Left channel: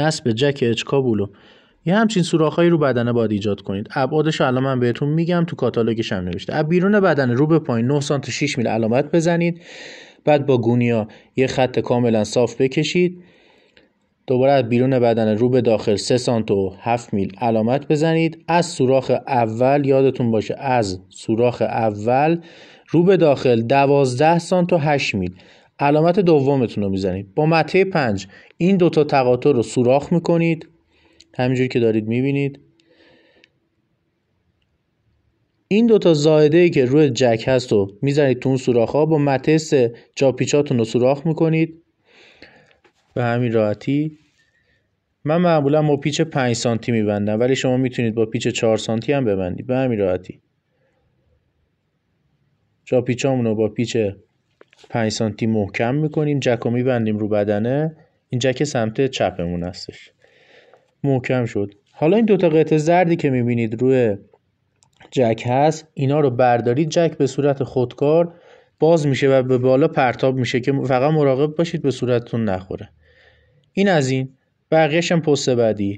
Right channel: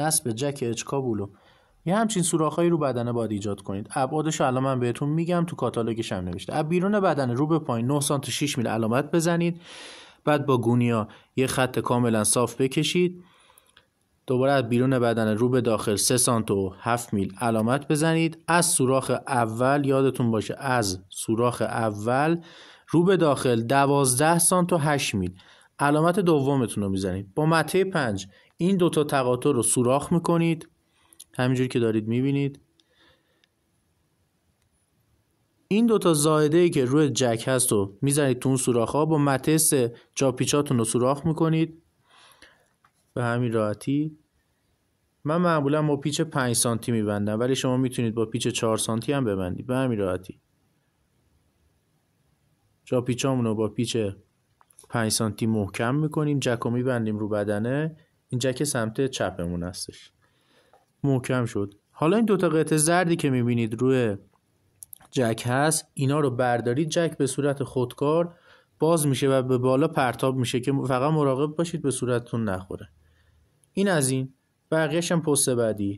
نصب جک اچ کابلو یه همچین سوراخ‌هایی رو بدنه باید ایجاد کنید. ابعادش الان من بهتون میگم، تو کاتالوگش هم نوشته. از بیرون بدنه رو به پایین 9 سانت 6 میل علامت بزنید. بعد با گونیا یه خط کاملا صاف بکشید. دوباره از بیرون بدنه رو به داخل 3 سانت و 7 میل علامت بزنید. از سوراخ اول یادتون باشه، از سوراخ اول رو به داخل 12 سانت و 8 میل علامت دومتون رو میزنید. با مته 5 این دوتا تقاطع رو سوراخ میکنید، همینجوری که دارید میبینید. این دوتا زائده‌ای که روی جک هست رو میزنید تو اون سوراخ ها. با مته 3 جا پیچاتون رو سوراخ میکنید به همین راحتی. من معمولا با پیچ 5 سانتی میبندم، ولی شما میتونید با پیچ 4 سانتی هم ببندید به همین راحتی. جا پیچامون رو با پیچ 5 سانتی محکم میکنیم، جک رو میبندیم رو بدنه. این جک سمت چپمون هستش، محکم شد. حالا این دوتا قطعه زردی که میبینید روی جک هست، اینا رو بردارید. جک به صورت خودکار باز میشه و به بالا پرتاب میشه که فقط مراقب باشید به صورتتون نخوره. این از این. بقیه‌ش هم پست بعدی.